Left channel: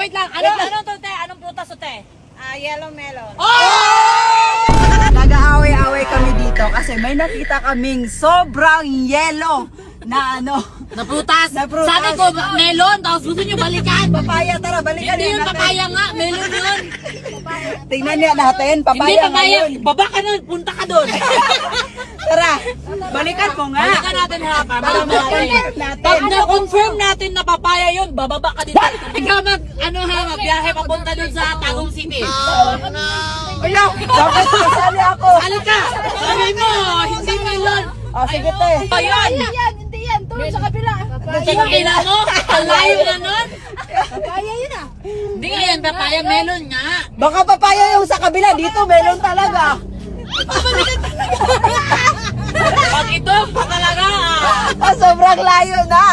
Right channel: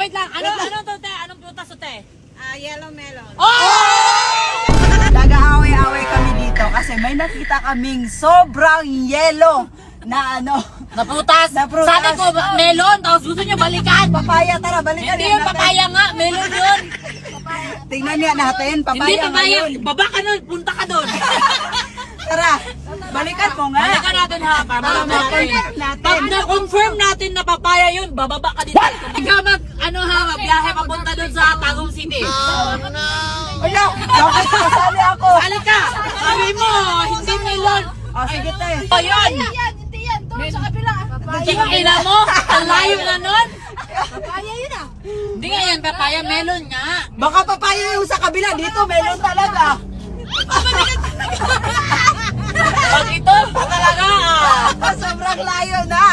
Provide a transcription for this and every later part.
wait lang. Ano to, te? Anong prutas to, te? Yellow melon. Nag-aaway-away kami dito kasi may nakita kaming sobrang yellow na Na prutas. Na prutas. Sabi ko, melon. Tapos gusto nyo balikan. papaya. Tara, balikan Hindi yun papaya nga. Melon yun. Tingnan niya natin, papaya. Hindi papaya. ngayon. Baba ka nun. Punta ka doon. Tara, balikan mo nga. Balikan natin ha. Para Balikan natin. natin. Pag na-confirm natin na papaya yun, bababa ka dito. Ikaw biyahe papunta doon sa Tagum City. Wala, bakit kasali ako? Sali ka. Sabi mo, hindi melon. Sige te. Ayun. Hindi yan. Tulog sa kabila. Kaya mo, ang layo na nun. Kaya yun ah. Hindi nga yan papaya, melon nga. Baka papaya yung sa kabila, dito melon talaga. Pag ito, talaga. Sobrang layo na.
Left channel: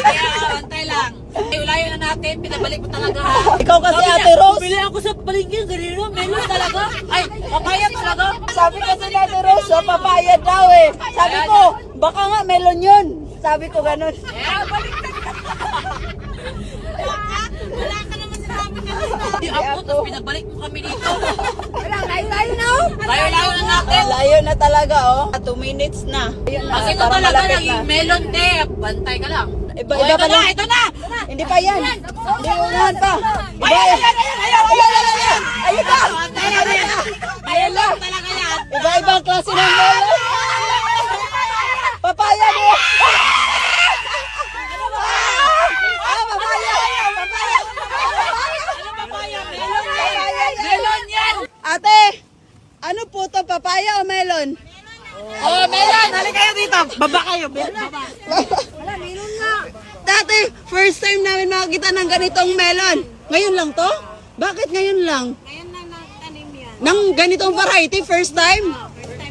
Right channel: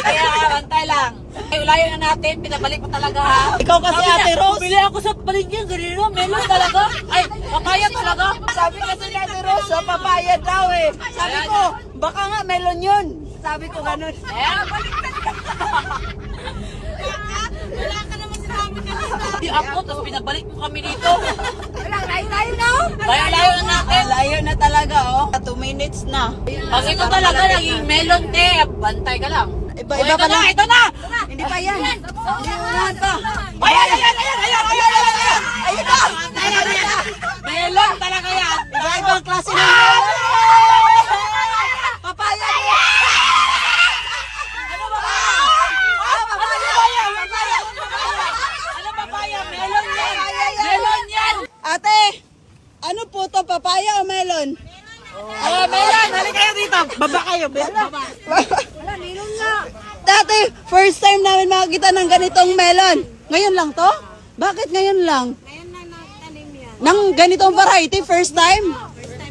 Kaya, bantay lang. Ay, layo na natin, pinabalik mo talaga ha. Ikaw kasi Ate Rose. Bili ako sa palengke, ganito, melon talaga. Ay, papaya talaga. Sabi kasi ni Ate Rose, papaya daw eh. Sabi ko, baka nga melon yun. Sabi ko ganun. Wala ka naman sinabi kanina. Di ako, tapos pinabalik mo kami dito. Wala, layo na oh. Layo-layo na natin. Layo na talaga oh. 2 minutes na. Kasi ito talaga, naging melon te. Bantay ka lang. Iba Oh, ito pa na, lang. ito na. Hindi pa yan. Hindi unahan pa. Iba Ayan, yan. ayan. Ayun na. Melon talaga yan. Iba-ibang klase ng melon. Papaya niya. Ano papaya? Melon yan. Melon yan. Ate, ano po to? Papaya o melon? Oh, melon. Halika kayo dito. Baba kayo. Baba. Wala, melon nga. Dati, first time namin makakita ng ganitong melon. Ngayon lang to? Bakit ngayon lang? Ngayon na nagtanim yan. Nang ganitong variety, first time?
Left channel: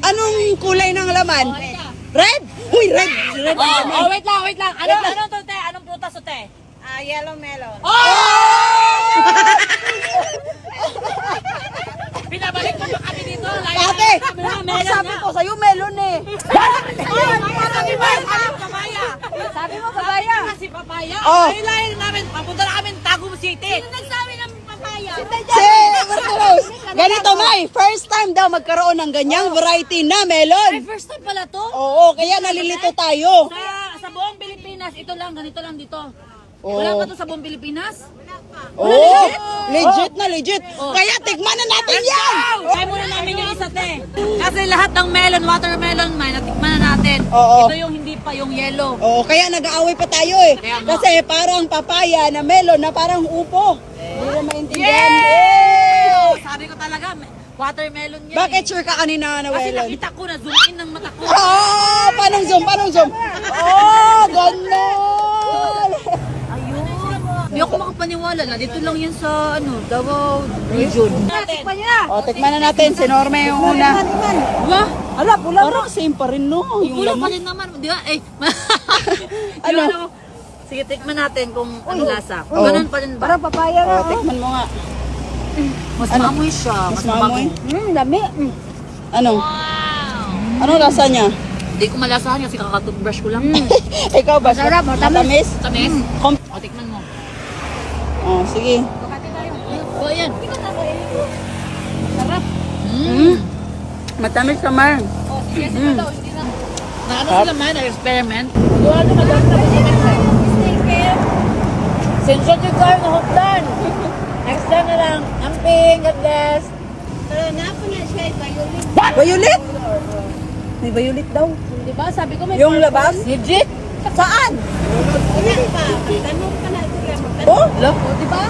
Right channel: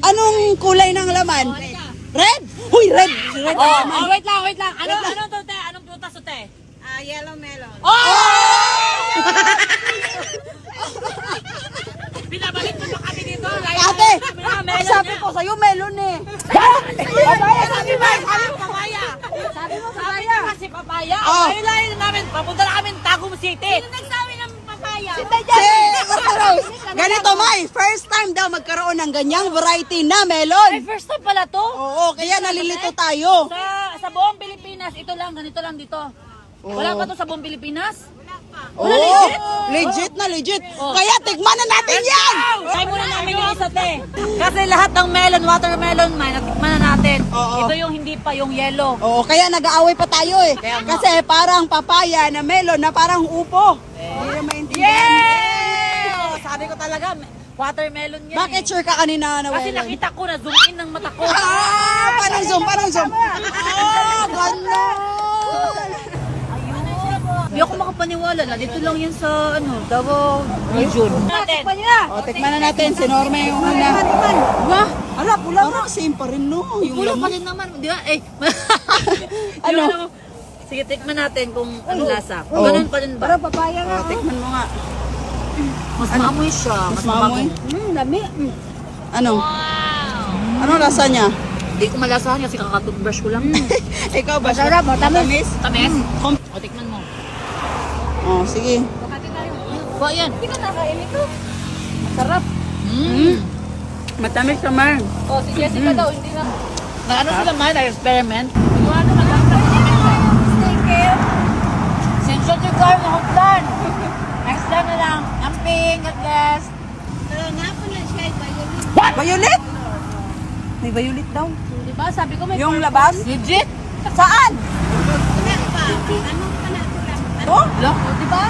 Anong kulay ng laman? Red? Huy, red! Red ang laman. Oh, wait lang. Ano to, te? Anong prutas to, te? Yellow melon. Binabalik mo pa kami dito. Ate, sabi ko sa'yo melon eh. Sabi mo papaya. Kasi papaya. Oh. Ay, layo na namin. Papunta na kami Tagum City. Nagsabi ng papaya. Ganito, May. First time daw magkaroon ng ganyang variety na Ay, melon. first time pala to. Oo, kaya nalilito tayo. Sa buong Pilipinas, ito lang, ganito lang dito. Wala pa to sa buong Pilipinas? Oo, legit na legit. Kaya tikman na natin yan. Try muna namin yung isa, te. Kasi lahat ng melon, watermelon, natikman na natin. Oo. Ito yung hindi pa, yung yellow. Oo, kaya nag-aaway pa tayo eh. Kaya nga. Kasi parang papaya na melon na parang upo. Hindi na maintindihan. Yay! Sabi ko talaga, watermelon yan. Bakit sure ka kanina na Kasi melon? nakita ko na zoom in ng mata ko. Paano zoom? Oh, gano'n. Hindi ako makapaniwala na dito lang yan sa Davao region. Tikman niya. O, tikman na natin. Si Norma yung una. Wah! Ala, pula parang same pa rin no. Yung Wala pa laman. rin naman. Di ba? Eh. Ano? Sige, tikman natin kung ano lasa. Ganun pa rin ba? Parang papaya nga. O, tikman mo nga. Mas maamoy siya. Mas maamoy? Dami. Ano? Ano lasa niya? Hindi ko malasahan kasi kakatoothbrush ko lang. Ikaw ba? Masarap, matamis. Tamis? Kom- O, tikman mo. Oh, sige. O, yan. Sarap. Matamis naman. O, si Jessica daw, hindi na. Na ano sila man, experiment? Ano ka daw sa skincare? Sensyon yung car na hotlan. Next time na lang. Amping, God bless. Napo na siya, violet. Violet? May violet daw. Di ba? Sabi ko may Yung labas? Legit? Saan? Tanong pa na ito lang. Oh? Di ba?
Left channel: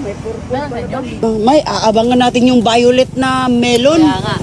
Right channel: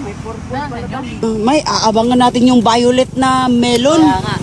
May purple. May aabangan natin yung violet na melon. Kaya nga.